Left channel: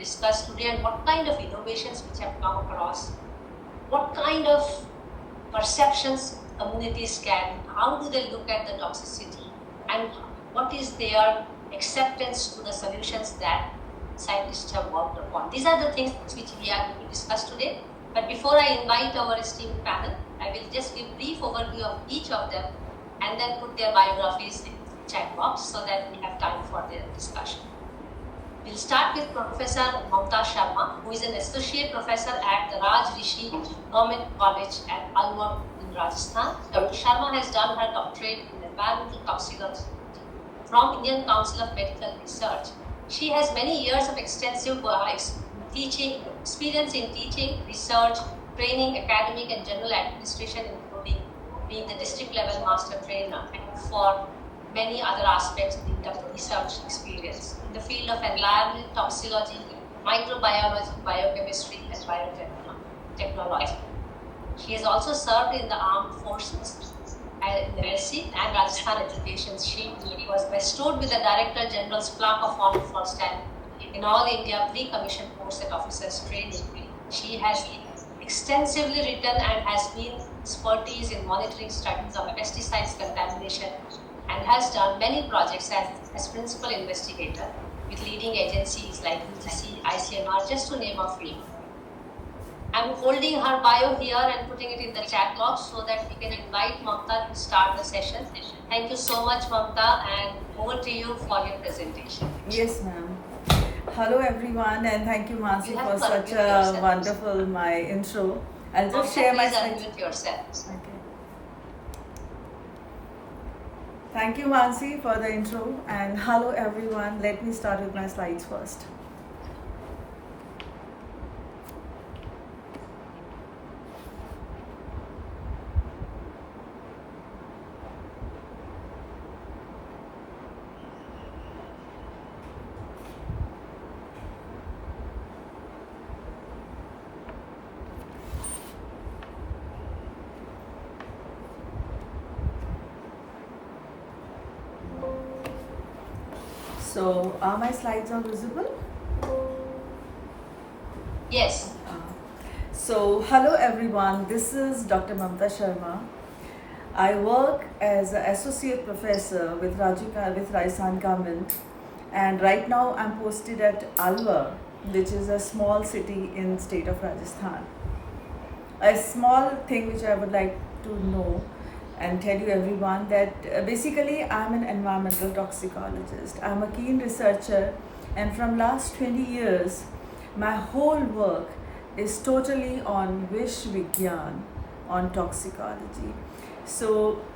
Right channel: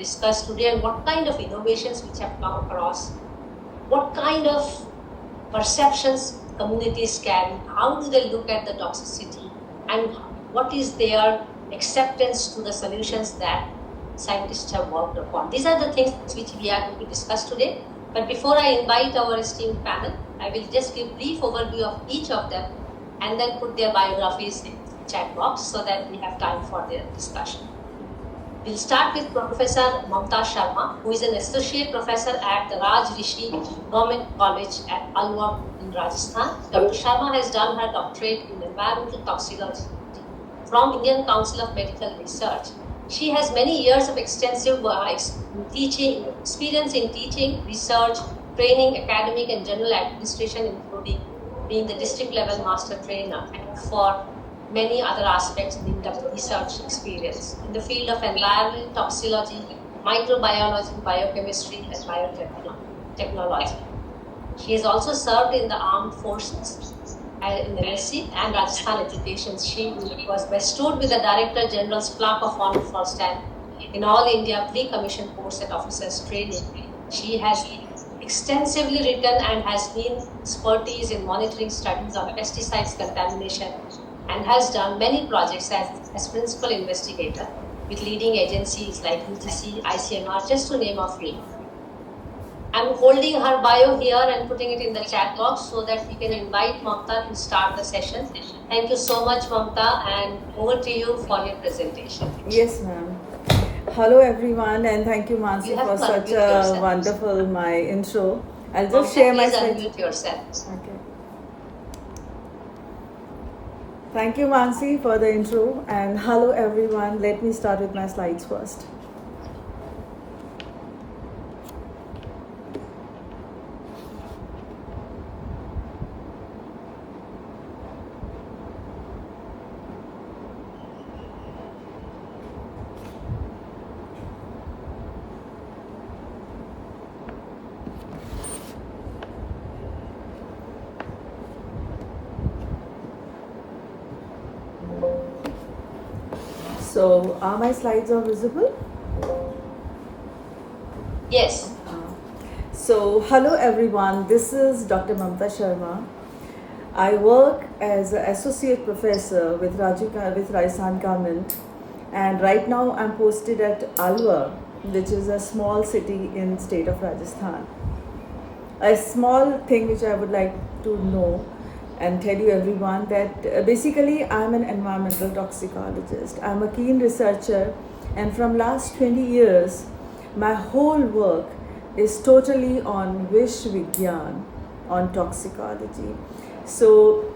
discuss today, and what kind of innovations which have come across, what kind of perceptions communities carry, how do they look at the toxicity, and what is their acceptance to the solutions that scientists have worked upon. These are the things which we are going to discuss today. But before I invite our esteemed panel, I will just give a brief overview of each of them and then put their biographies in the chat box so that we have time for their discussion. We'll start with Professor Mamta Sharma, who is an associate professor at the Raj Rishi Government College at Alwar in Rajasthan. Dr. Sharma has done her doctorate in environmental toxicology from Indian Council of Medical Research. She has many years of extensive experience in teaching, research, training, academic and general administration, including being the district level master trainer, and for many other aspects of in-depth research experience in the field of environmental toxicology, microbiology, biochemistry, and biotechnology. She has also served in the armed forces in NSC and Rajasthan Education. She was bestowed with the Director General's Plaque of Honor for stand in All India Pre-Commissioned Course at Officers Training. She has extensively written and has been expertise in monitoring studies on pesticides contamination and has done many projects as principal investigator with leading agencies like UGC, ICMR, just to name a few. I'm holding her bio here and putting it in the chat box so that we can invite Mamta to start the session. Thank you so much, Mamta, and over to you for your presentation. Yes, ma'am. Hello, everyone, and thank you, Mansi, for such a wonderful intro. I'll just share my slides. Unmute yourself. Okay. Thank you, Mansi, for the intro, and hello, everyone. Let me start with my slides first. So, are my slides are visible? Yes. So, hello everyone. This is Dr. Mamta Sharma. I work as an associate professor with Rajasthan government, and right now I'm posted at Alwar, which is a small city in state of Rajasthan. A small thing which I would like to know and tell you everyone that basically I'm an environmental toxicologist. I'm a keen researcher, and from last 20 years my whole work is totally on Vish Vigyan, on toxicology. So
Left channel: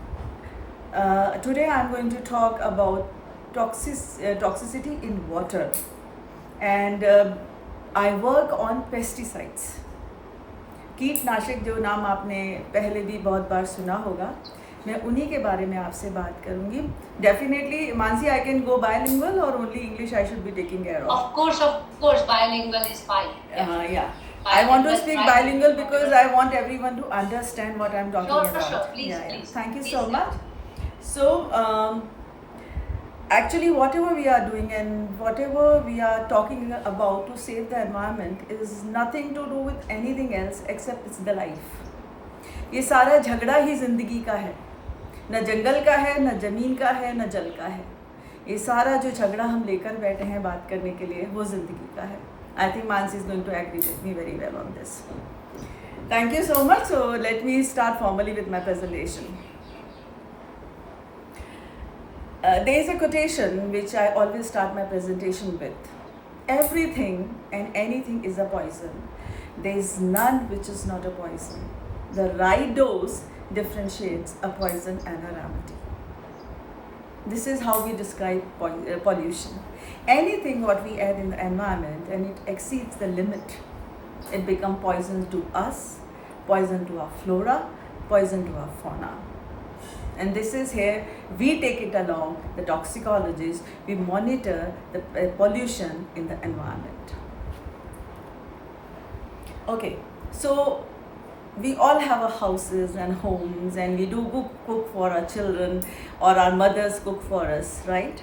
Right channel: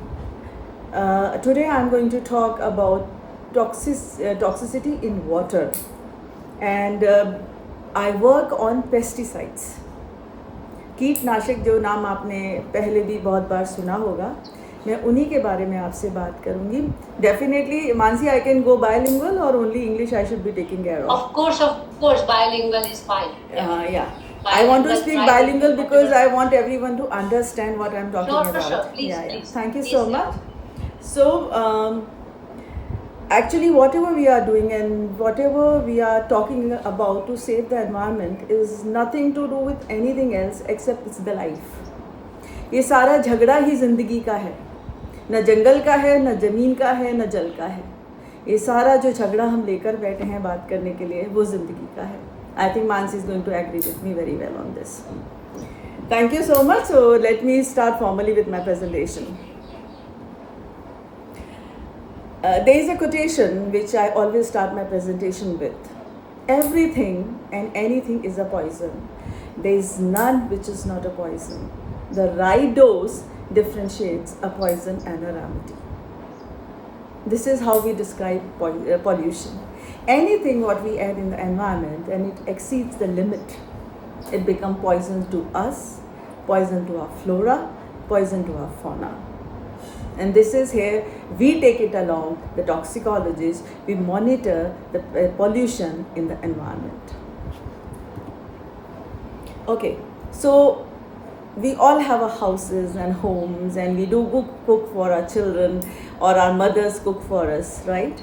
today I'm going to talk about toxicity in water, and I work on pesticides. कीटनाशक जो नाम आपने पहले भी बहुत बार सुना होगा, मैं उन्हीं के बारे में आपसे बात करूंगी. Definitely, Mansi, I can go bilingual or only English I should be taking care of? Of course, bilingual is fine. Yeah. I want to speak bilingual because I want everyone to understand what I'm talking about. Sure. Please, yeah. please. Thank you Please so much. So, actually, whatever we are doing and whatever we are talking about to save the environment is nothing to do with anything else except it's the life. ये सारा झगड़ा ही जिंदगी का है, न जंगल का है, न जमीन का है, न जल का है. ये सारा जो झगड़ा हम लेकर बैठे हैं बात करने के लिए वो जिंदगी का है. I think Mansi is going to agree with me very well on this. Thank you so much. So let me start formally with my presentation. There is a quotation which I always start my presentation with. Everything and anything is a poison. There is none which is not a poison. The right dose differentiates a poison and a remedy. This is how we describe pollution. Anything what we add in the environment and it exceeds the limit, it becomes poison to us, poison to our flora, poison to our fauna. And this is here, we take it along, the toxicologists, we monitor the pollution in the environment. Okay, so we all have our houses and homes and we do cook for our children or our mothers cook for us, right?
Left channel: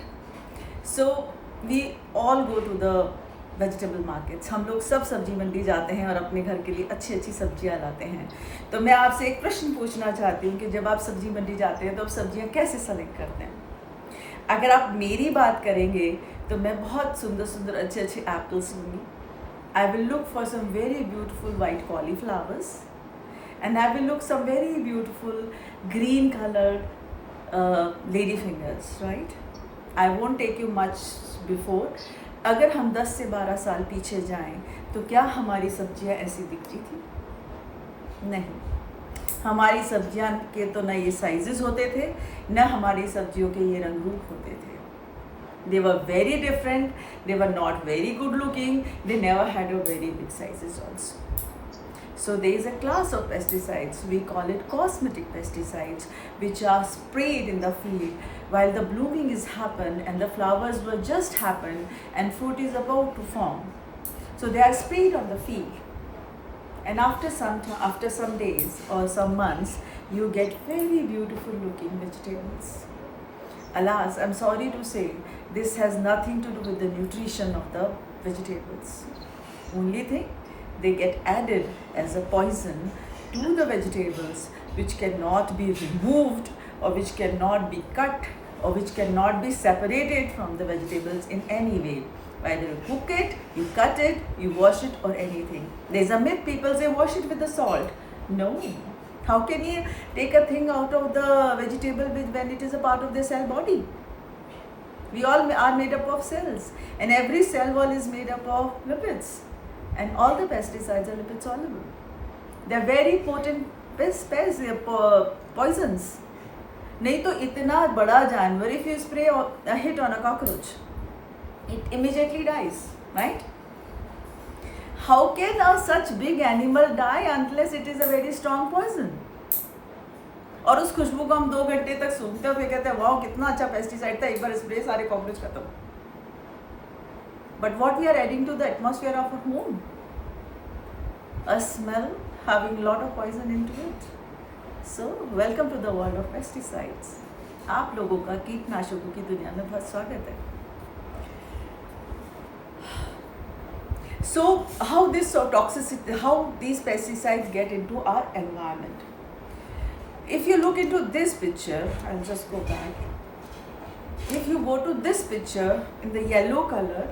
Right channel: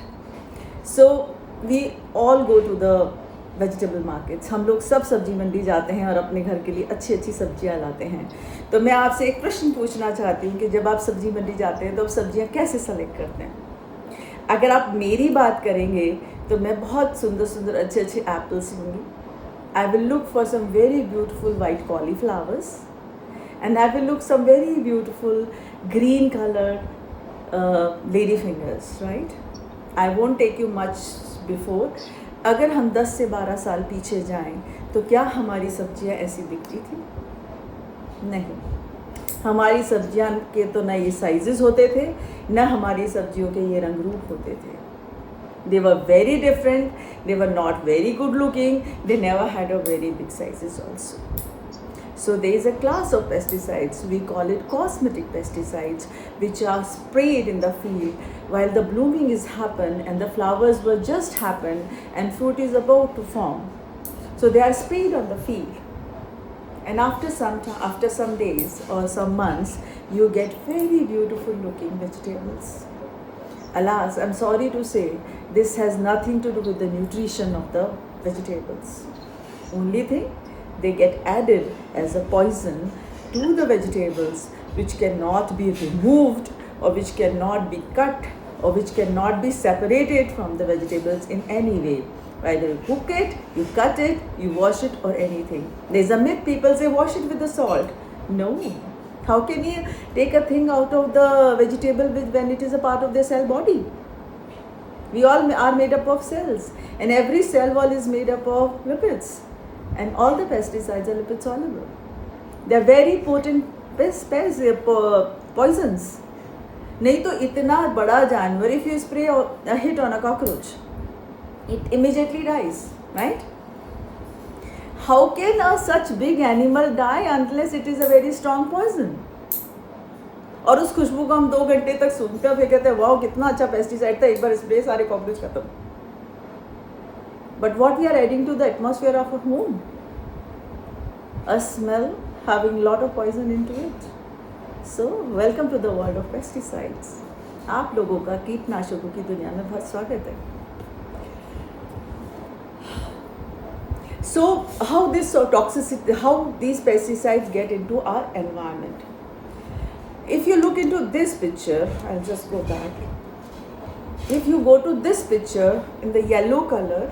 So we all go to vegetable markets, हम लोग सब सब्जी मंडी जाते हैं और अपने घर के लिए अच्छी अच्छी सब्जियां लाते हैं। तो मैं आपसे एक प्रश्न पूछना चाहती हूँ कि जब आप सब्जी मंडी जाते हैं तो आप सब्जियां कैसे सेलेक्ट करते हैं? अगर आप मेरी बात करेंगे तो मैं बहुत सुंदर सुंदर अच्छे अच्छे एप्पल्स लूँगी। I will look for some very beautiful white cauliflowers and I will look some very beautiful green colored lady fingers, right? I won't take you much before. अगर हम 10 से 12 साल पीछे जाएं तो क्या हमारी सब्जियां ऐसी दिखती थी? नहीं। हमारी सब्जियां के तो न ये साइजेस होते थे, न हमारी सब्जियों के ये रंग रूप होते थे. They were very different, they were not very good looking, they never had a very big sizes also. So there is a class of pesticides, we call it cosmetic pesticides, which are sprayed in the field while the blooming is happened and the flowers were just happened and fruit is about to form. So they are sprayed on the field. And after some days or some months, you get very beautiful looking vegetables. Alas, I'm sorry to say, this has nothing to do with the nutrition of the vegetables. Only thing, they get added as a poison to the vegetables, which cannot be removed or which cannot be cut or which cannot be separated from the vegetables in any way. Either you cook it, you cut it, you wash it or anything. There's a myth, people say wash it with the salt. No. How can you take a thing out of the vegetable when it is a part of their cell body? We all are made up of cells and every cell wall is made up of lipids. And all the pesticides are lipid soluble. They are very potent poisons. नहीं तो इतना बड़ा जानवर, if you spray a hit on a cockroach, it immediately dies, right? How can a such big animal die unless it is a very strong poison? और उस खुशबू को हम 2 घंटे तक सूंघते हैं, फिर कहते हैं वाह कितना अच्छा पेस्टिसाइड था, एक बार स्प्रे सारे कॉकरोच खत्म. But what we are adding to the atmosphere of our home? A smell having a lot of poison into it. So, welcome to the world of pesticides. आप लोगों का कीटनाशकों की दुनिया में बहुत स्वागत है. So, how this toxicity, how these pesticides get into our environment? If you look into this picture, I'll just go back. If you go to this picture in the yellow color,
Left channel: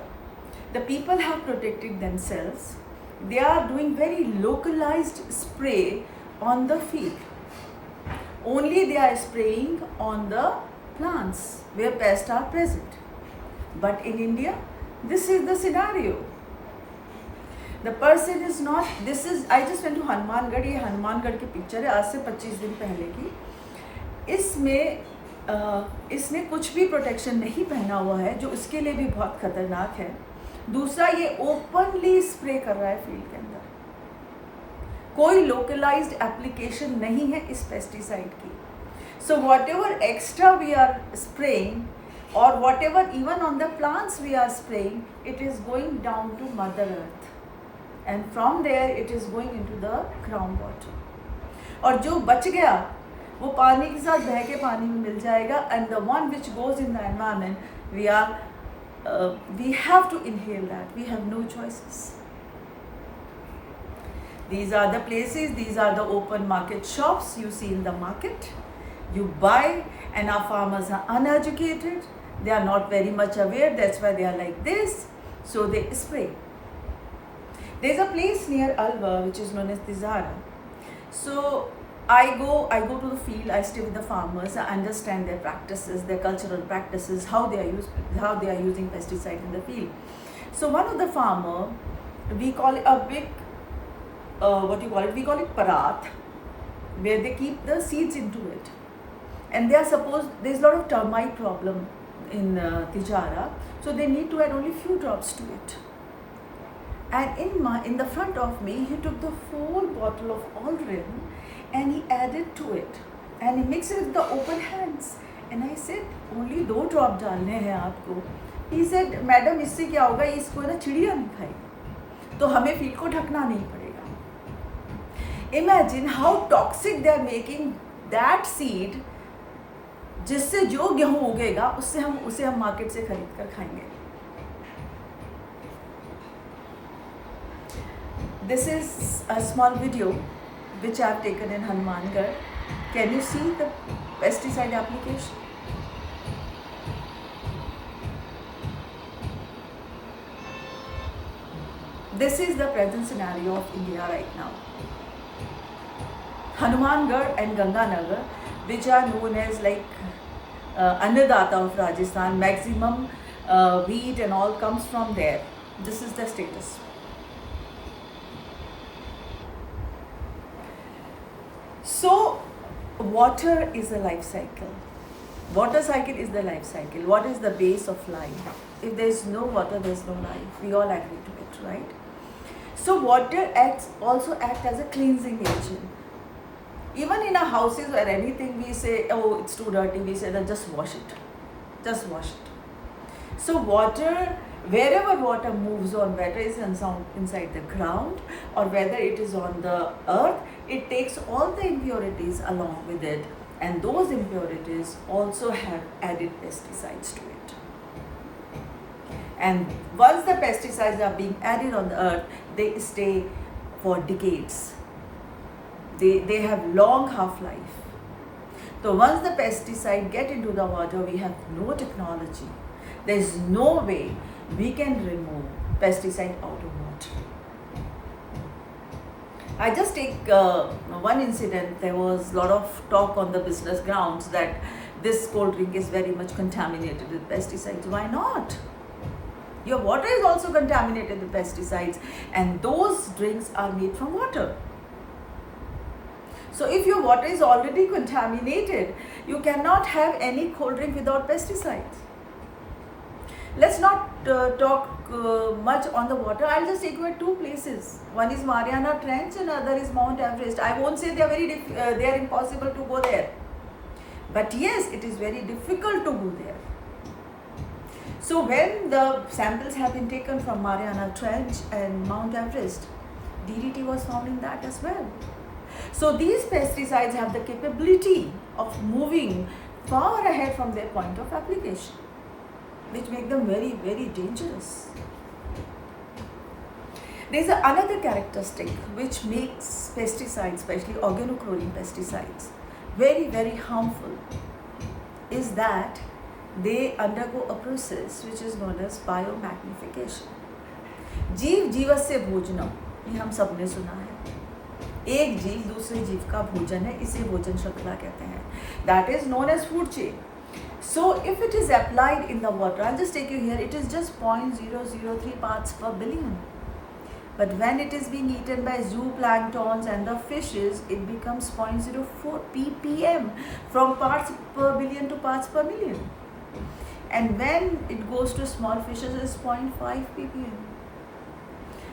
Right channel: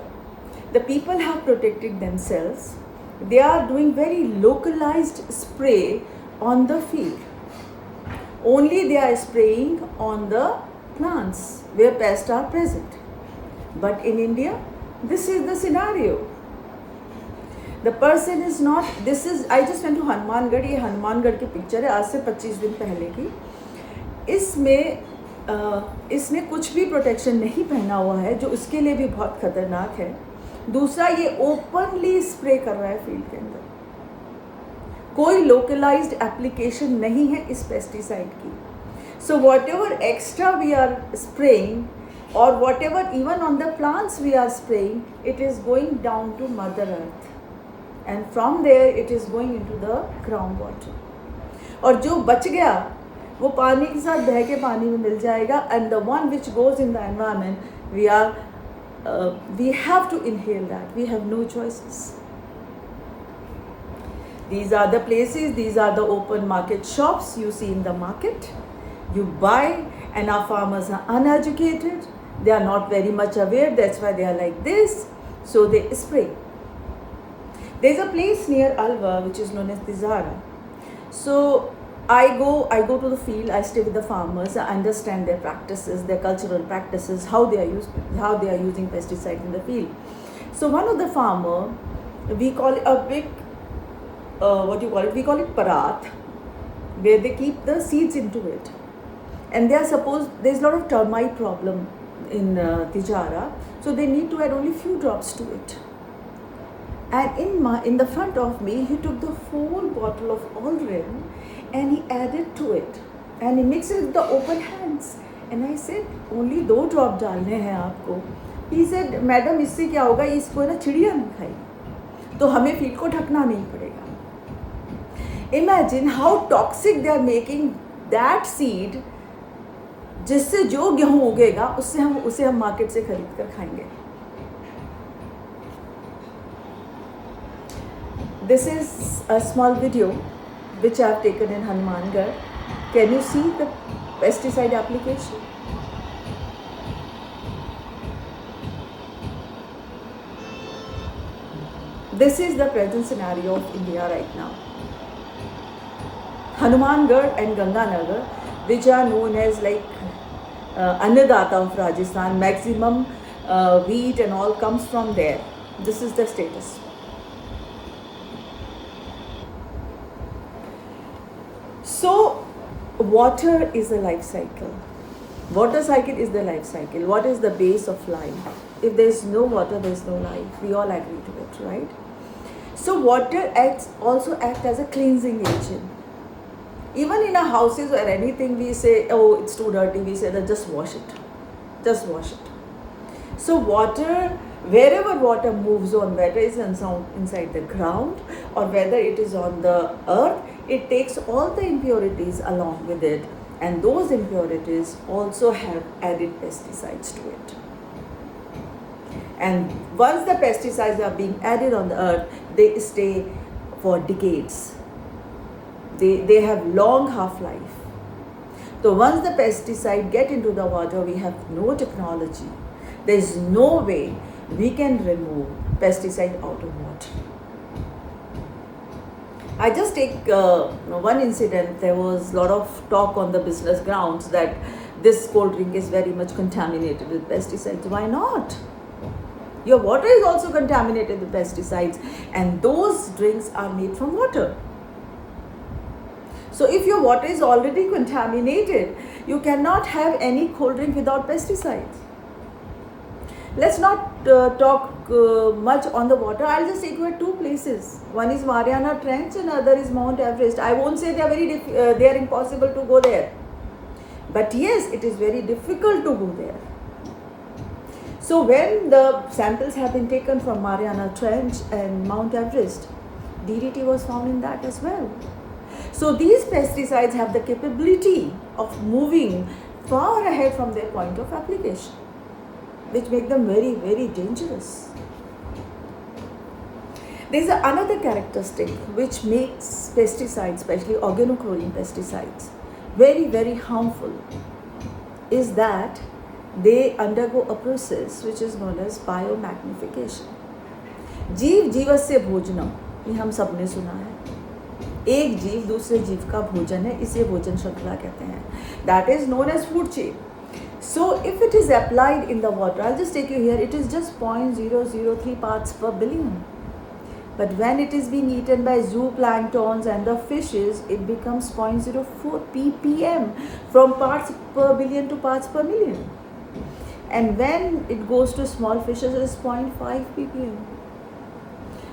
the people have protected themselves. They are doing very localized spray on the field. Only they are spraying on the plants where pests are present. But in India, this is the scenario. The person is not, this is, I just went to Hanumangarh, ये हनुमानगढ़ की picture है आज से 25 दिन पहले की. इसमें इसने कुछ भी प्रोटेक्शन नहीं पहना हुआ है जो उसके लिए भी बहुत खतरनाक है. दूसरा, ये ओपनली स्प्रे कर रहा है फील्ड के अंदर. कोई लोकलाइज्ड एप्लीकेशन नहीं है इस पेस्टिसाइड की. So whatever extra we are spraying और whatever even on the plants we are spraying, it is going down to mother earth and from there it is going into the ground water. और जो बच गया वो पानी के साथ बह के पानी में मिल जाएगा. And the one which goes in the environment, we have to inhale that. We have no choices. These are the places, these are the open market shops you see in the market. You buy, and our farmers are uneducated. They are not very much aware. That's why they are like this. So they spray. There's a place near Alwar which is known as Tizara. So I go to the field, I stay with the farmers, I understand their practices, their cultural practices, how they are using pesticides in the field. So one of the farmer, we call it a big, we call it parat, where they keep the seeds into it. And there's a lot of termite problem in Tijara, so they need to add only few drops to it. And in the front of me, he took the full bottle of Allrin and he added to it and he mixed it with the open hands. And I said, only 2 drop डालने हैं आपको. He said, madam इससे क्या होगा, इसको ना चिड़िया नहीं खाएगी, तो हमें फील्ड को ढकना नहीं पड़ेगा. Imagine how toxic they are making that seed, जिससे जो गेहूँ उगेगा उसे हम मार्केट से खरीद कर खाएंगे. This is a small video which I have taken in Hanumangarh. Can you see the pesticide application? This is the present scenario of India right now. Hanumangarh and Ganganagar, which are known as like Annadata of Rajasthan, maximum wheat and all comes from there. This is the status. So, water is a life cycle. Water cycle is the life cycle. What is the base of life? If there is no water, there is no life. We all agree to it, right? So, water also acts as a cleansing agent. Even in our houses or anything, we say, oh, it's too dirty. We say that just wash it. Just wash it. So, water, wherever water moves on, whether it's inside the ground or whether it is on the earth, it takes all the impurities along with it, and those impurities also have added pesticides to it. And once the pesticides are being added on the earth, they stay for decades. They have long half-life. So once the pesticide get into the water, we have no technology. There is no way we can remove pesticide out of water. I just take one incident. There was a lot of talk on the business grounds that this cold drink is very much contaminated with pesticides. Why not? Your water is also contaminated with pesticides, and those drinks are made from water. So if your water is already contaminated, you cannot have any cold drink without pesticides. Let's not talk much on the water. I'll just take you at two places. One is Mariana Trench and other is Mount Everest. I won't say they are impossible to go there. But yes, it is very difficult to go there. So when the samples have been taken from Mariana Trench and Mount Everest, DDT was found in that as well. So these pesticides have the capability of moving far ahead from their point of application, which make them very, very dangerous. There is another characteristic which makes pesticides, especially organochlorine pesticides, very, very harmful, is that they undergo a process which is known as biomagnification. जीव जीवस्य भोजनम, ये हम सब ने सुना है. एक जीव दूसरे जीव का भोजन है, इसे भोजन श्रृंखला कहते हैं. That is known as food chain. So if it is applied in the water, I'll just take you here, it is just 0.003 parts per billion. But when it is being eaten by zooplanktons and the fishes, it becomes 0.04 ppm, from parts per billion to parts per million. And when it goes to small fishes, it is 0.5 ppm.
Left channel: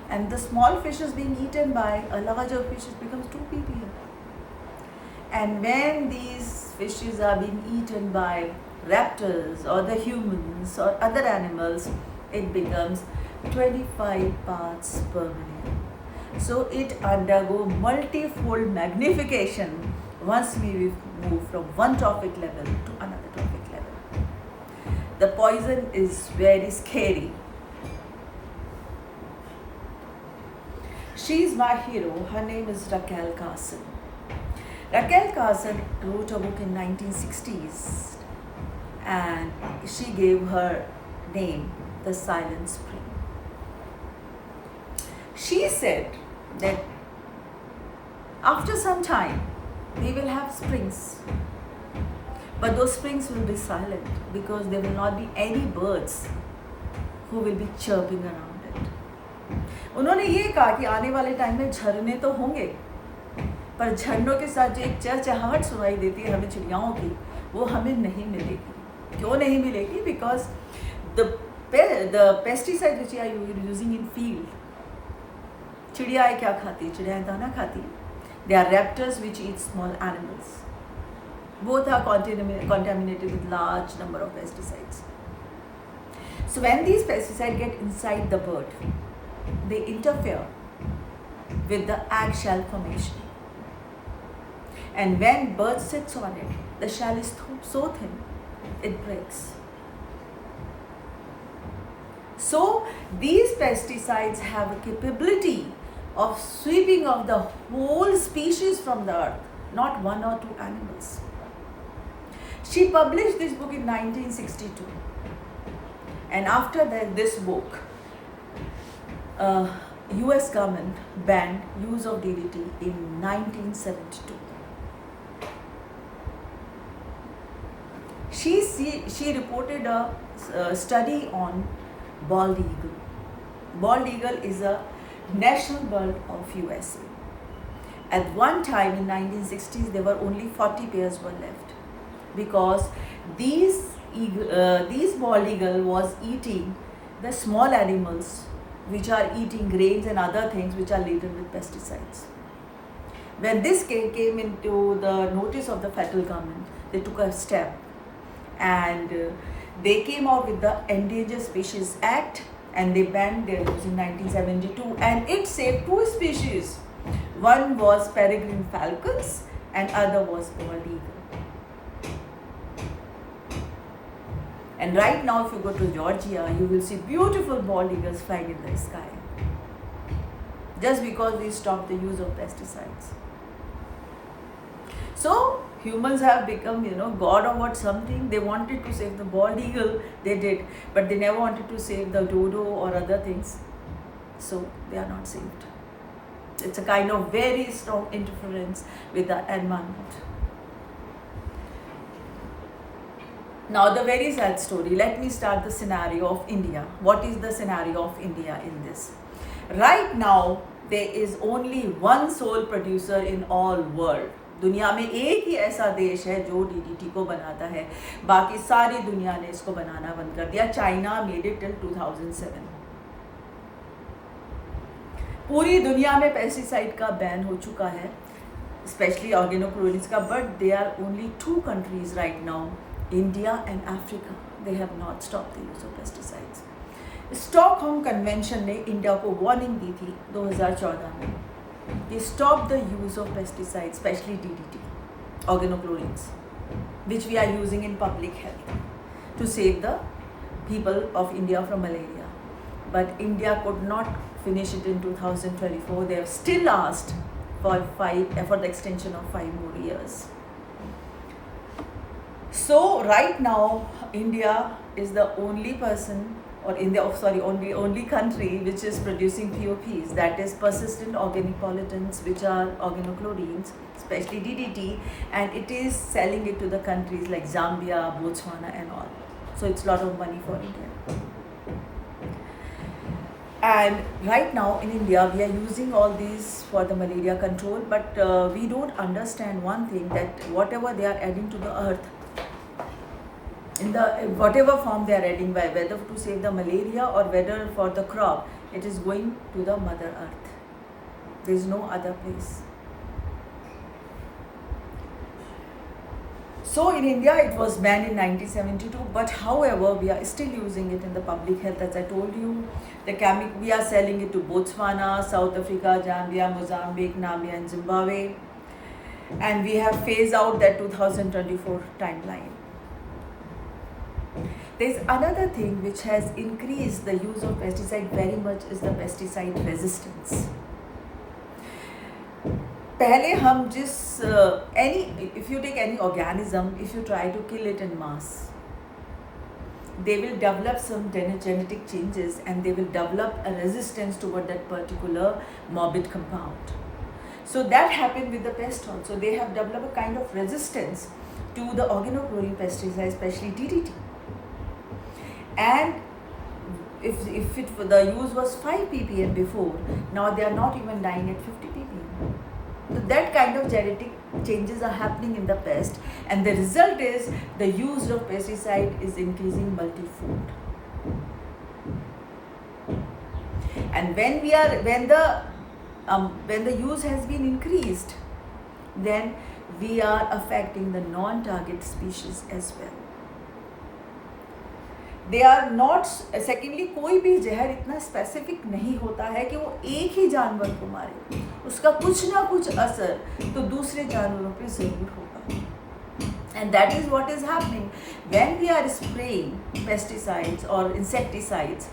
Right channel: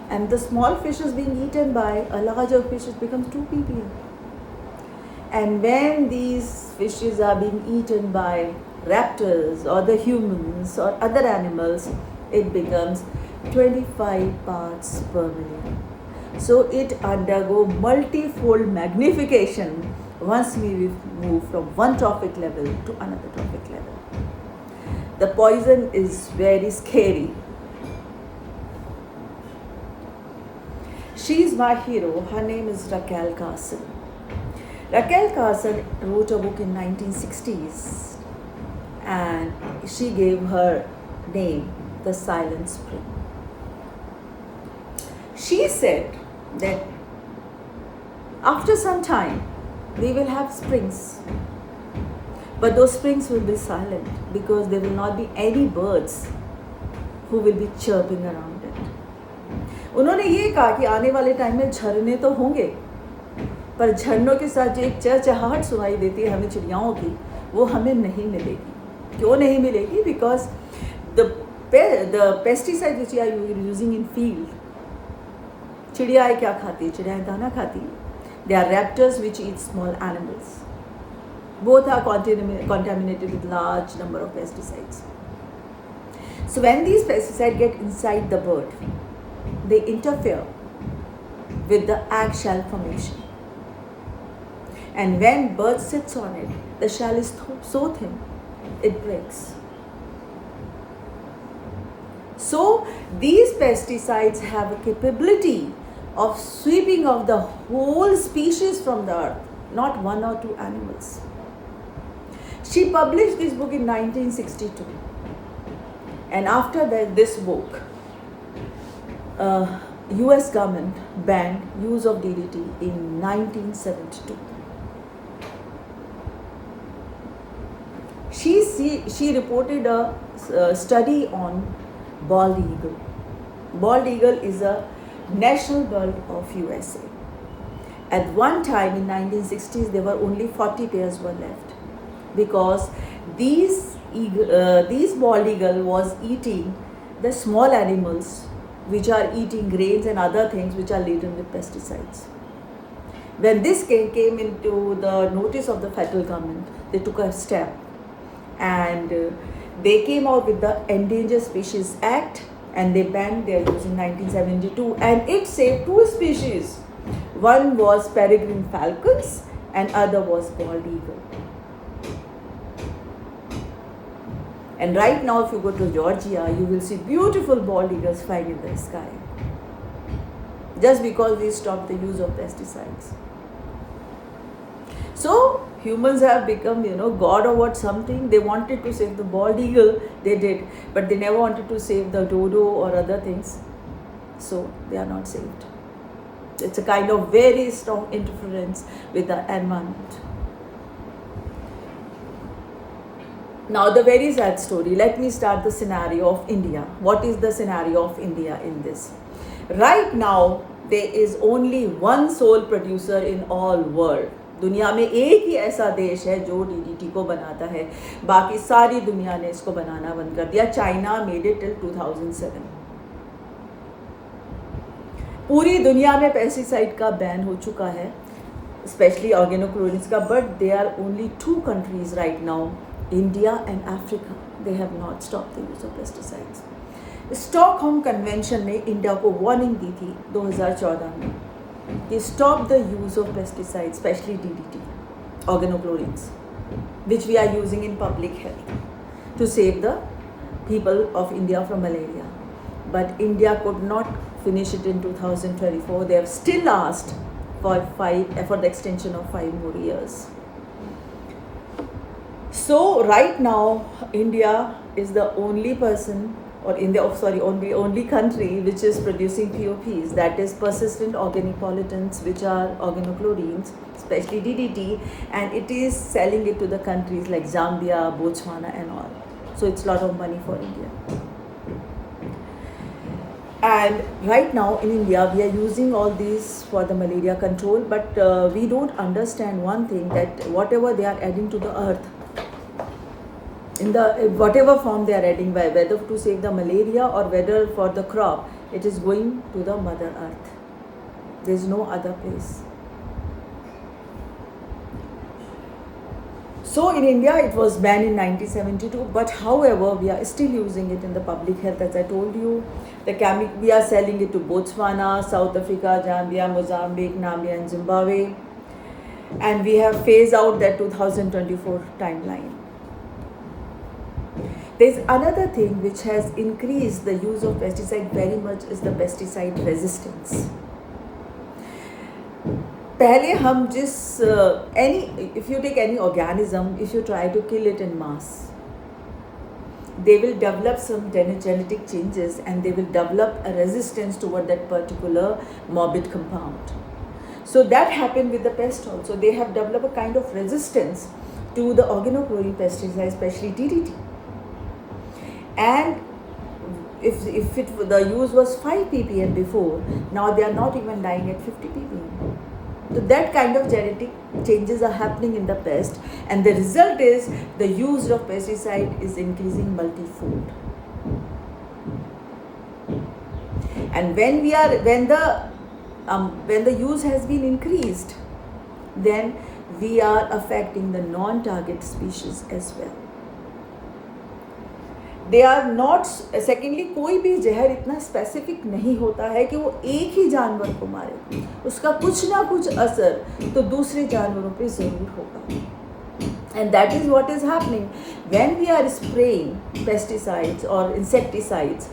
And the small fish is being eaten by a larger fish, it becomes 2 ppm. And when these fishes are being eaten by raptors or the humans or other animals, it becomes 25 parts per million. So it undergo multifold magnification once we move from one trophic level to another trophic level. The poison is very scary. She is my hero. Her name is Raquel Carson. Raquel Carson wrote a book in 1960s, and she gave her name The Silent Spring. She said that after some time we will have springs, but those springs will be silent because there will not be any birds who will be chirping around it. उन्होंने ये कहा कि आने वाले time में झरने तो होंगे, पर झरनों के साथ जो एक चहचहाहट सुनाई देती है हमें चिड़ियाओं की, वो हमें नहीं मिलेगी. क्यों नहीं मिलेगी? Because the pesticides which are using in field, चिड़ियाएँ क्या खाती है? चिड़ियाएँ दाना खाती है. They are raptors which eat small animals. Both are contaminated with large number of pesticides. So when these pesticides get inside the bird, they interfere with the egg shell formation. And when bird sits on it, the shell is so thin, it breaks. So these pesticides have a capability of sweeping of the whole species from the earth, not one or two animals. She published this book in 1962, and after this book, US government banned use of DDT in 1972. She reported a study on bald eagle. Bald eagle is a national bird of USA. At one time in 1960s, there were only 40 pairs were left because these bald eagle was eating the small animals which are eating grains and other things which are laden with pesticides. When this came into the notice of the federal government, they took a step and they came out with the Endangered Species Act and they banned their use in 1972, and it saved two species. One was peregrine falcons and other was bald eagle. And right now if you go to Georgia, you will see beautiful bald eagles flying in the sky. Just because we stopped the use of pesticides. So humans have become, God or what something. They wanted to save the bald eagle, they did, but they never wanted to save the dodo or other things. So they are not saved. It's a kind of very strong interference with the environment. Now the very sad story. Let me start the scenario of India. What is the scenario of India in this? Right now, there is only one sole producer in all world. दुनिया में एक ही ऐसा देश है जो DDT को बनाता है, बाकी सारी दुनिया ने इसको बनाना बंद कर दिया. China made it till 2007. पूरी दुनिया में पेस्टिसाइड का बैन हो चुका है, स्पेशली ऑर्गेनोक्लोरिन्स का, but they are only 2 countries right now, India and Africa. They have not stopped the use of pesticides. Stockholm convention ने इंडिया को वार्निंग दी थी 2014 में कि stop the use of pesticides, especially DDT, organochlorines, which we are using in public health to save the people of India from malaria. But India could not finish it in 2024. They have still asked for the extension of 5 more years. So right now, India is the only only country which is producing POPs, that is persistent organic pollutants, which are organochlorines, especially DDT, and it is selling it to the countries like Zambia, Botswana and all. So it's a lot of money for India. And right now in India, we are using all these for the malaria control, but we don't understand one thing, that whatever they are adding to the earth, in the whatever form they are adding, by whether to save the malaria or whether for the crop, it is going to the mother earth. There is no other place. So in India it was banned in 1972, but however we are still using it in the public health. As I told you, we are selling it to Botswana, South Africa, Zambia, Mozambique, Namibia and Zimbabwe, and we have phased out that 2024 timeline. There is another thing which has increased the use of pesticide very much, is the pesticide resistance. पहले हम if you take any organism, if you try to kill it in mass, they will develop some genetic changes and they will develop a resistance toward that particular morbid compound. So that happened with the pest also. They have developed a kind of resistance to the organochlorine pesticide, especially DDT. And if the use was 5 ppm before, now they are not even dying at 50 ppm. So that kind of genetic changes are happening in the pest, and the result is the use of pesticide is increasing multifold. And when the use has been increased, then we are affecting the non-target species as well. They are not, secondly, कोई भी जहर इतना specific नहीं होता है कि वो एक ही जानवर को मारे, उसका कुछ ना कुछ असर तो दूसरे जानवरों पे ज़रूर होगा. And that is what is happening when we are spraying pesticides or insecticides.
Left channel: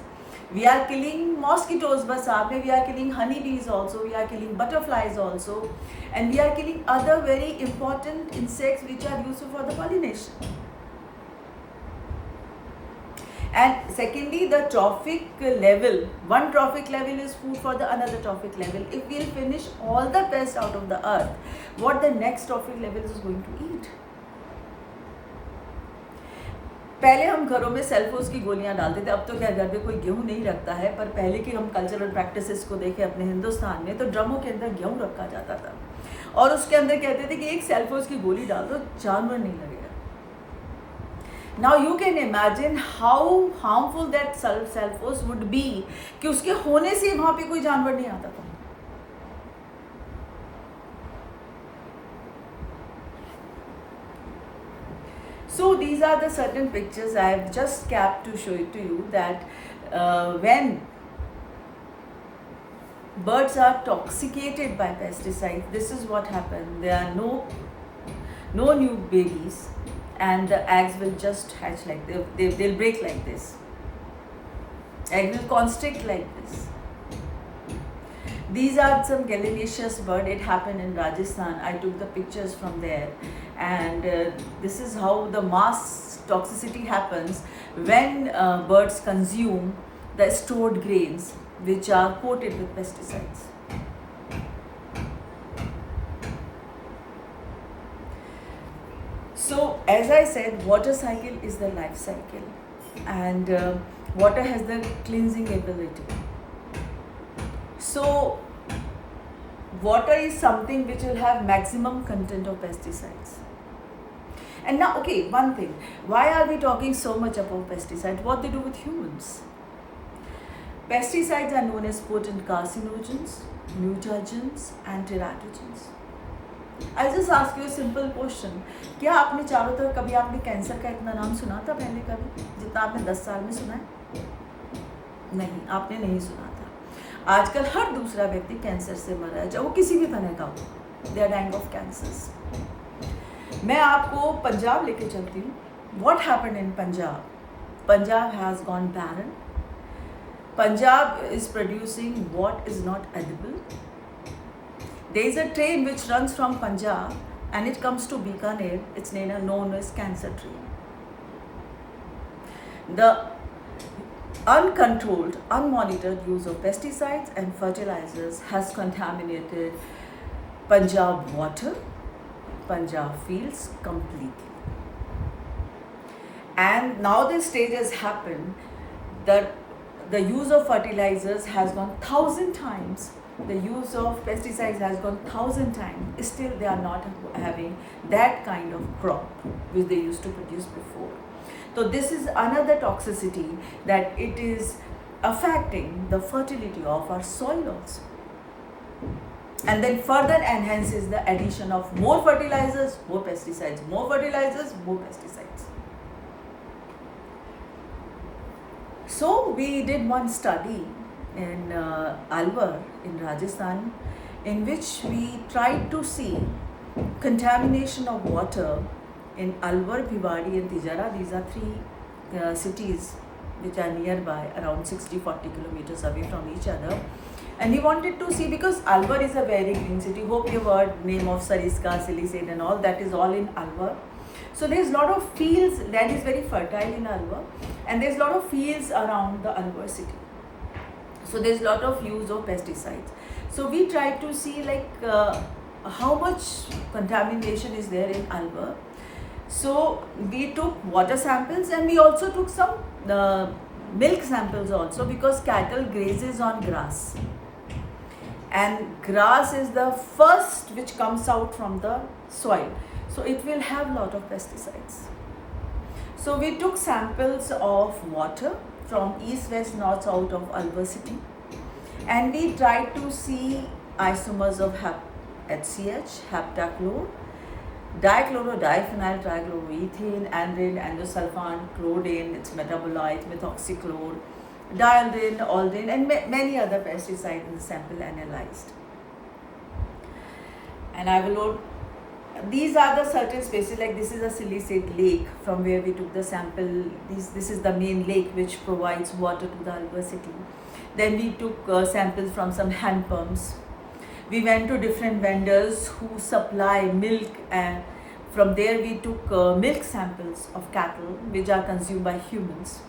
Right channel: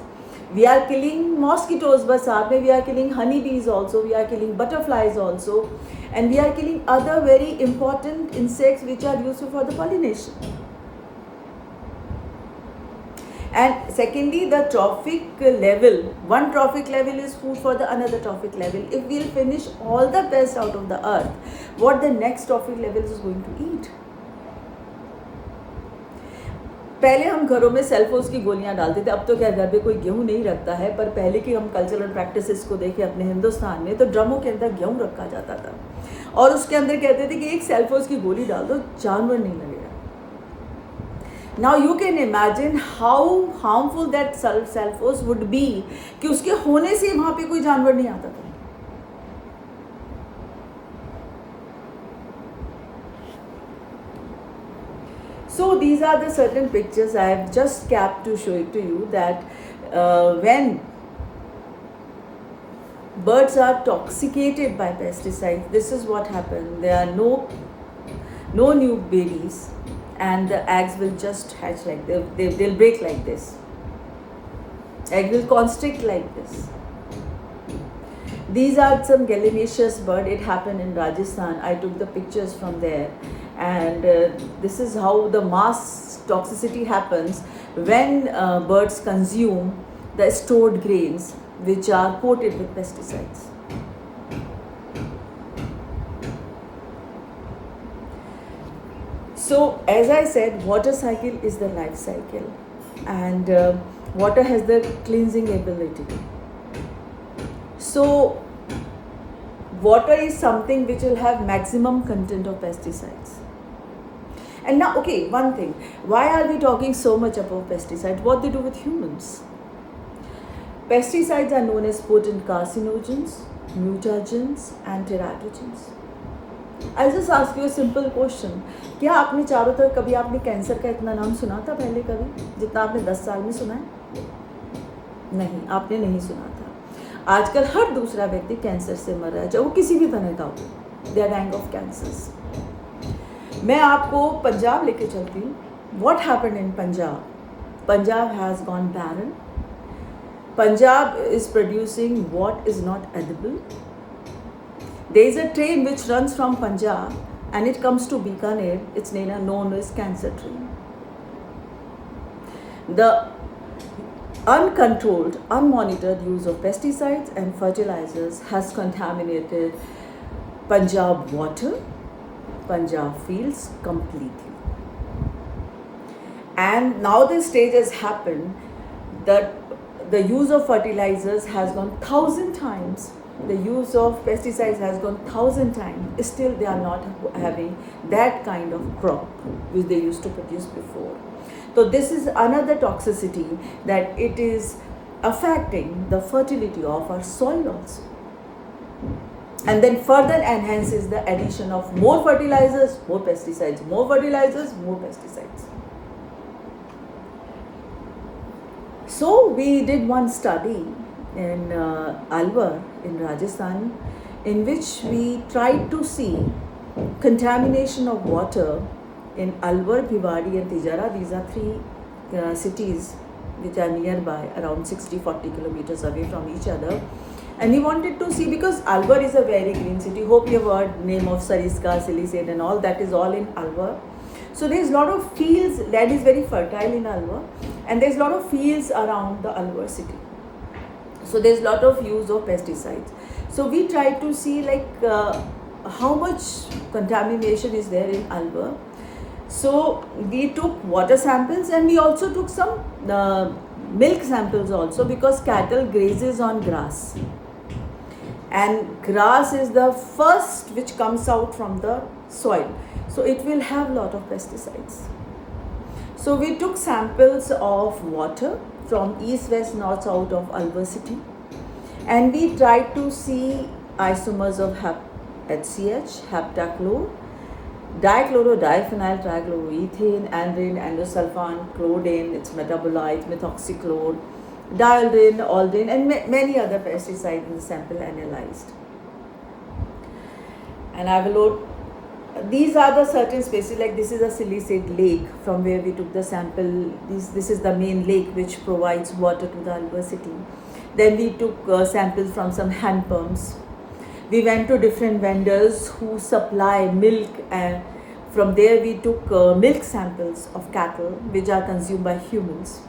We are killing mosquitoes, we are killing honeybees also, we are killing butterflies also, and we are killing other very important insects which are useful for the pollination. And secondly, the trophic level, one trophic level is food for the another trophic level. If we'll finish all the pests out of the earth, what the next trophic level is going to eat? पहले हम घरों में सेल्फोस की गोलियां डालते थे, अब तो क्या घर में कोई गेहूं नहीं रखता है, पर पहले की हम कल्चरल प्रैक्टिसेस को देखें अपने हिंदुस्तान में, तो ड्रमों के अंदर गेहूं रखा जाता था और उसके अंदर कहते थे कि एक सेल्फोस की गोली डाल दो, जानवर नहीं लगेगा. Now you can imagine how harmful that Celphos would be कि उसके होने से वहाँ पे कोई जानवर नहीं आता था. So these are the certain pictures I have just capped to show it to you that when birds are toxicated by pesticides, this is what happens. There are no new babies, and the eggs will just hatch like they'll break like this. Egg will constrict like this. These are some gallinaceous bird. It happened in Rajasthan. I took the pictures from there, and this is how the mass toxicity happens when birds consume the stored grains which are coated with pesticides. So as I said, water cycle is the life cycle, and water has the cleansing ability. So water is something which will have maximum content of pesticides. And now, okay, one thing, why are we talking so much about pesticides? What they do with humans? Pesticides are known as potent carcinogens, mutagens and teratogens. I'll just ask you a simple question. क्या आपने चारों तरफ कभी आपने cancer का इतना नाम सुना था पहले कभी जितना आपने 10 साल में सुना है? नहीं, आपने नहीं सुना था. आजकल हर दूसरा व्यक्ति कैंसर से मर रहा है, चाहे वो किसी भी तरह का हो. They are dying of cancers. मैं आपको पंजाब लेके चलती हूँ. What happened in Punjab? Punjab has gone barren. Punjab is producing what is not edible. There is a train which runs from Punjab and it comes to Bikaner. It's known as cancer train. The uncontrolled, unmonitored use of pesticides and fertilizers has contaminated Punjab water, Punjab fields completely. And now this stage has happened that the use of fertilizers has gone 1,000 times. The use of pesticides has gone 1,000 times. Still they are not having that kind of crop which they used to produce before. So this is another toxicity, that it is affecting the fertility of our soil also. And then further enhances the addition of more fertilizers, more pesticides, more fertilizers, more pesticides. So we did one study in Alwar in Rajasthan, in which we tried to see contamination of water in Alwar, Bhiwadi and Tijara. These are three cities which are nearby, around 60-40 kilometers away from each other. And we wanted to see, because Alwar is a very green city. Hope you have heard name of Sariska, Silicate and all, that is all in Alwar. So there's a lot of fields, land is very fertile in Alwar, and there's a lot of fields around the Alwar city. So there's a lot of use of pesticides. So we tried to see how much contamination is there in Alwar. So we took water samples and we also took some milk samples also, because cattle grazes on grass. And grass is the first which comes out from the soil. So it will have a lot of pesticides. So we took samples of water from east, west, north, south of Alwar city, and we tried to see isomers of HCH, heptachlor, dichloro, diphenyl trichloroethane, andrine, endosulfan, chlordane, its metabolites, methoxychlor, dialdrin, aldrin, and many other pesticides in the sample analyzed. And I will these are the certain spaces, like this is a silicate lake from where we took the sample. This is the main lake which provides water to the university. Then we took samples from some hand pumps. We went to different vendors who supply milk, and from there we took milk samples of cattle which are consumed by humans.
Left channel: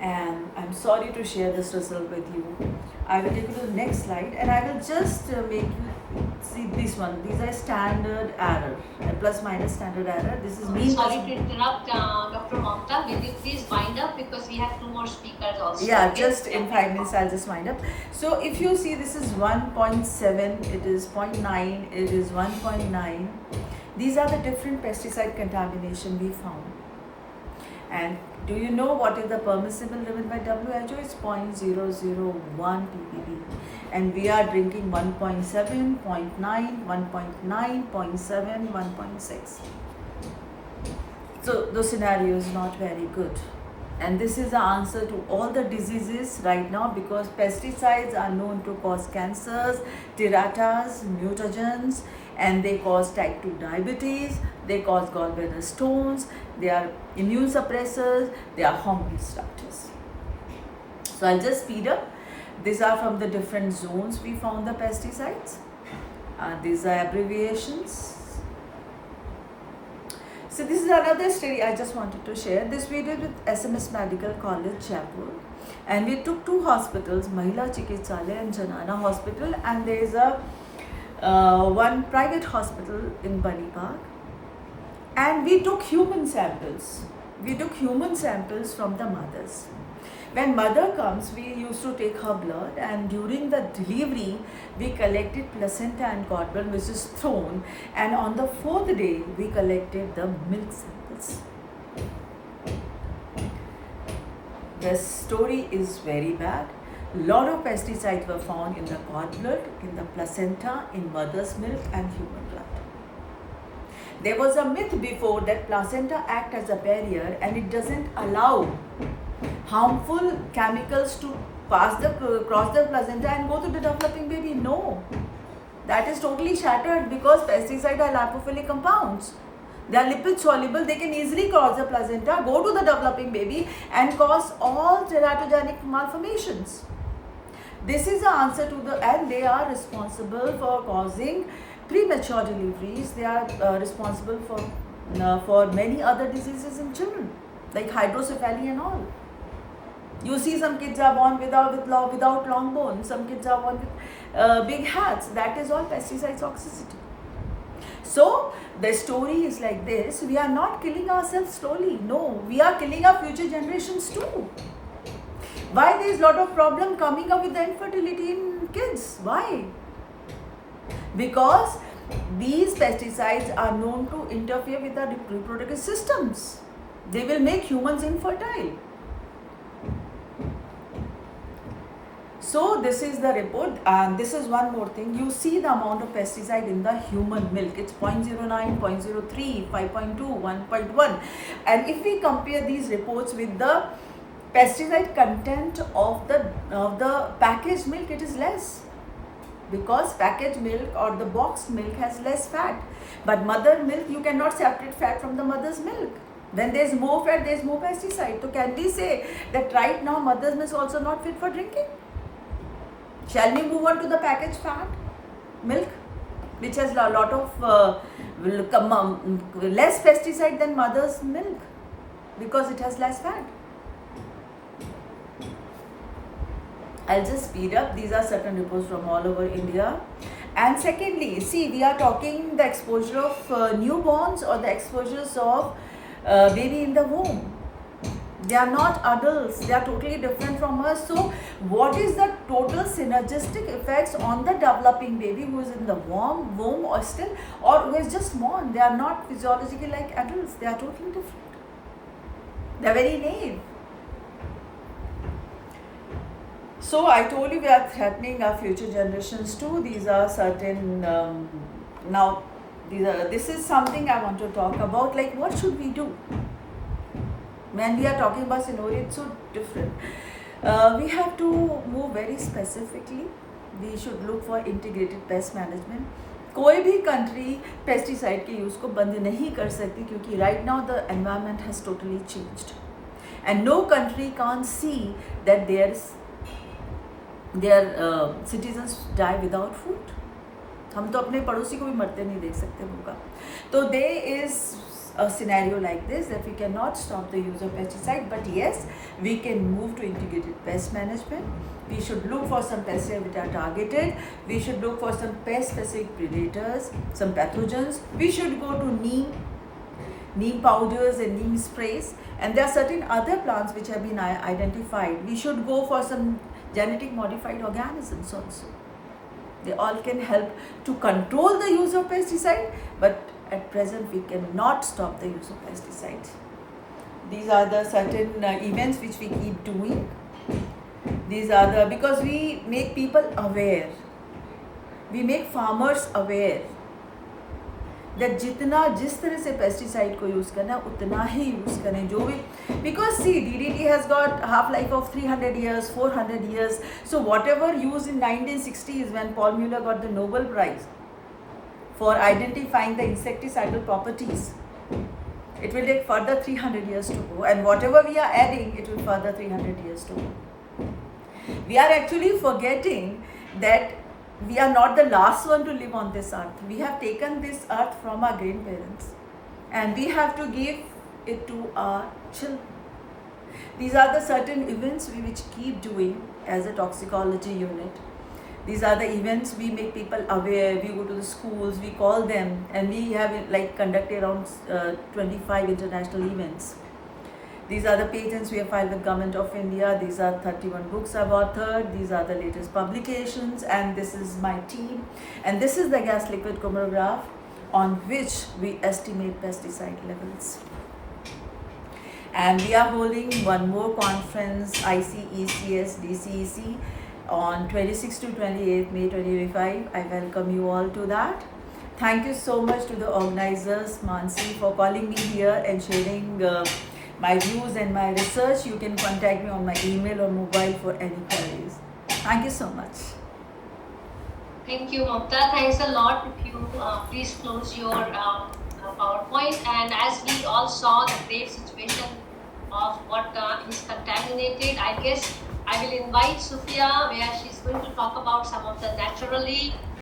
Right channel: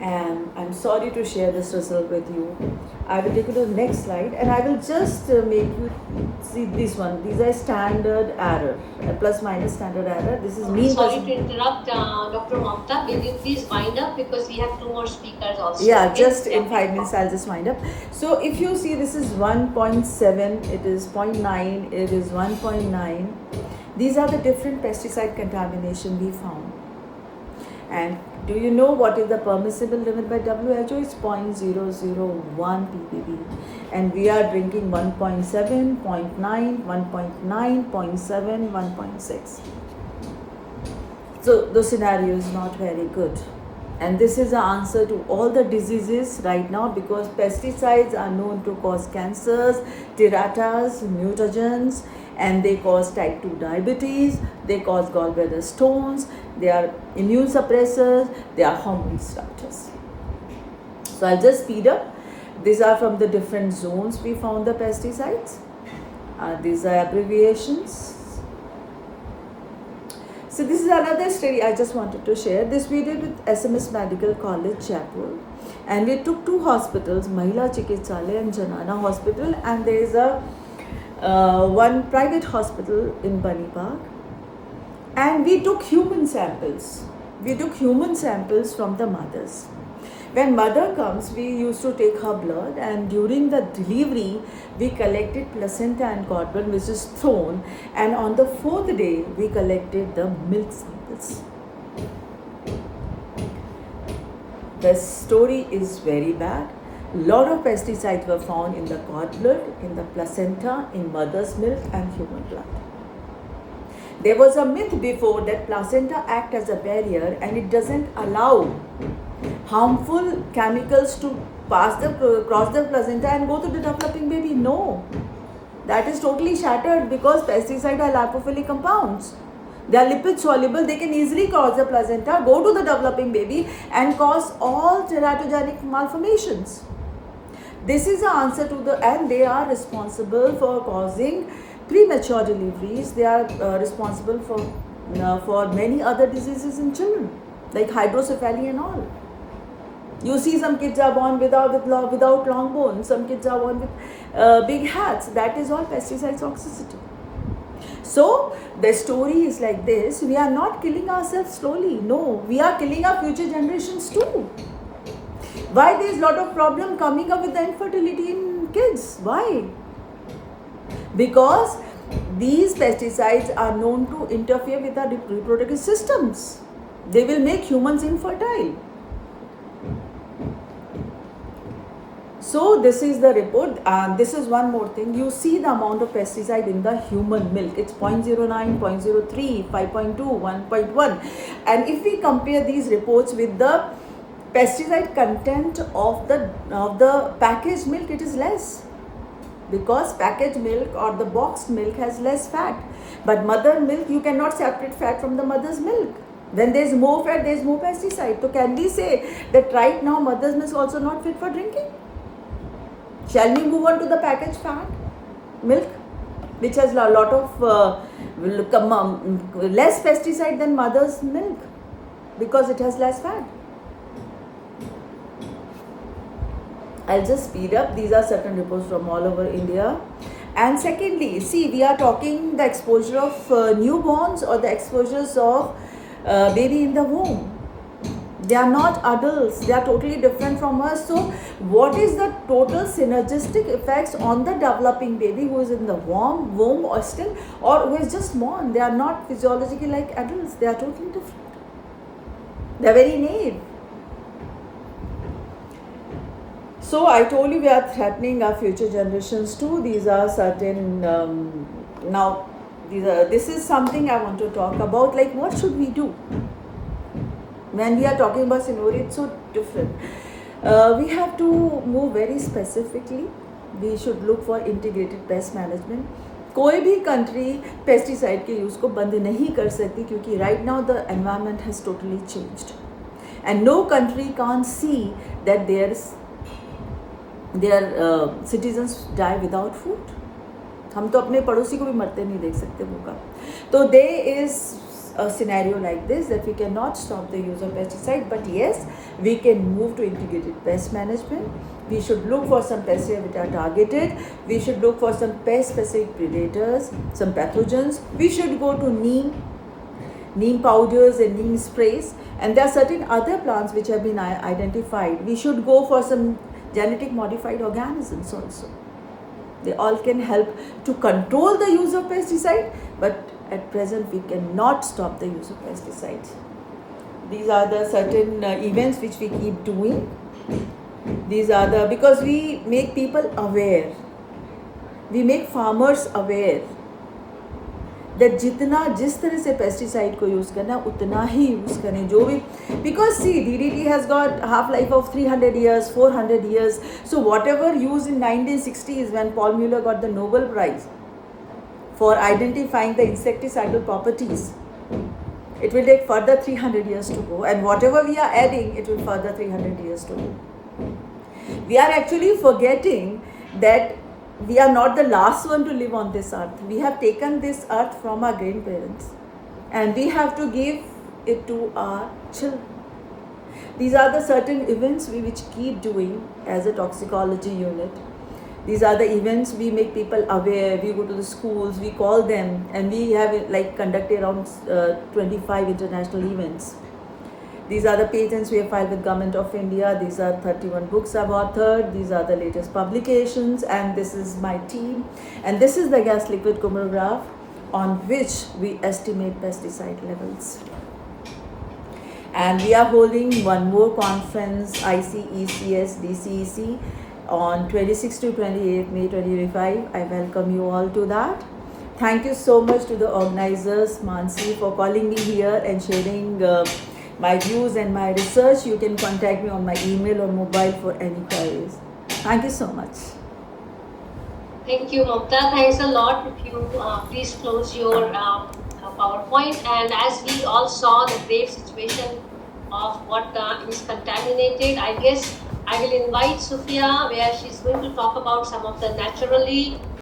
And I'm sorry to share this result with you. I will take you to the next slide, and I will just make you see this one. These are standard error, plus minus standard error. This is mean. Sorry to interrupt, Dr. Mamta. Will you please wind up, because we have 2 more speakers also. Yeah, Okay? just in 5 minutes I'll just wind up. So if you see, this is 1.7, it is 0.9, it is 1.9. These are the different pesticide contamination we found. And do you know what is the permissible limit by WHO? It's 0.001 ppb. And we are drinking 1.7, 0.9, 1.9, 0.7, 1.6. So the scenario is not very good. And this is the answer to all the diseases right now, because pesticides are known to cause cancers, terratas, mutagens, and they cause type 2 diabetes, they cause gallbladder stones, they are immune suppressors, they are hormone disruptors. So I'll just speed up. These are from the different zones we found the pesticides. These are abbreviations. So this is another study I just wanted to share. This we did with SMS Medical College, Jaipur. And we took 2 hospitals, Mahila Chikitsalaya and Janana Hospital, and there is a one private hospital in Bunny Park. And we took human samples. We took human samples from the mothers. When mother comes, we used to take her blood, and during the delivery, we collected placenta and cord blood, which is thrown, and on the 4th day, we collected the milk samples. The story is very bad. Lot of pesticides were found in the cord blood, in the placenta, in mother's milk and human blood. There was a myth before that placenta acts as a barrier and it doesn't allow harmful chemicals to cross the placenta and go to the developing baby. No, that is totally shattered, because pesticides are lipophilic compounds. They are lipid soluble. They can easily cross the placenta, go to the developing baby, and cause all teratogenic malformations. This is the answer to and they are responsible for causing premature deliveries. They are responsible for many other diseases in children, like hydrocephaly and all. You see, some kids are born without long bones. Some kids are born with big hats. That is all pesticide toxicity. So the story is like this. We are not killing ourselves slowly. No, we are killing our future generations too. Why there is a lot of problem coming up with the infertility in kids? Why? Because these pesticides are known to interfere with our reproductive systems. They will make humans infertile. So this is the report, and this is one more thing. You see the amount of pesticide in the human milk. It's 0.09, 0.03, 5.2, 1.1. And if we compare these reports with the pesticide content of the packaged milk, it is less, because packaged milk or the boxed milk has less fat. But mother milk, you cannot separate fat from the mother's milk. When there is more fat, there is more pesticide. So can we say that right now mother's milk is also not fit for drinking? Shall we move on to the packaged fat milk, which has a lot of less pesticide than mother's milk, because it has less fat? I'll just speed up. These are certain reports from all over India. And secondly, see, we are talking the exposure of newborns or the exposures of baby in the womb. They are not adults. They are totally different from us. So what is the total synergistic effects on the developing baby who is in the womb or still, or who is just born? They are not physiologically like adults. They are totally different. They are very naive. So I told you we are threatening our future generations too. These are certain, this is something I want to talk about, like what should we do? When we are talking about scenario, it's so different. We have to move very specifically. We should look for integrated pest management. कोई भी country pesticide के use को बंद नहीं कर सकती, क्योंकि right now the environment has totally changed and no country can see that their citizens die without food. हम तो अपने पड़ोसी को भी मरते नहीं देख सकते भूखा. तो दे is a scenario like this, that we cannot stop the use of pesticide, but yes, we can move to integrated pest management. We should look for some pests which are targeted. We should look for some pest specific predators, some pathogens. We should go to neem powders and neem sprays, and there are certain other plants which have been identified. We should go for some genetic modified organisms also. They all can help to control the use of pesticide, but at present we cannot stop the use of pesticides. These are the certain events which we keep doing. These are the, because we make people aware, we make farmers aware that जितना जिस तरह से pesticide को use करना उतना ही use करें जो भी, because see DDT has got half life of 300 years, 400 years. So whatever used in 1960s when Paul Mueller got the Nobel Prize for identifying the insecticidal properties, it will take further 300 years to go, and whatever we are adding, it will further 300 years to go. We are actually forgetting that we are not the last one to live on this earth. We have taken this earth from our grandparents, and we have to give it to our children. These are the certain events we which keep doing as a toxicology unit. These are the events we make people aware. We go to the schools, we call them, and we have like conducted around 25 international events. These are the patents we have filed with Government of India. These are 31 books I've authored. These are the latest publications, and this is my team. And this is the gas liquid chromatograph on which we estimate pesticide levels. And we are holding one more conference, ICECS DCEC, on 26 to 28 May 2025. I welcome you all to that. Thank you so much to the organizers, Mansi, for calling me here and sharing my views and my research. You can contact me on my email or mobile for any queries. Thank you so much. Thank you, Mamta. Thanks a lot. If you please close your PowerPoint. And as we all saw the grave situation of what is contaminated, I guess I will invite Sophia, where she's going to talk about some of the naturally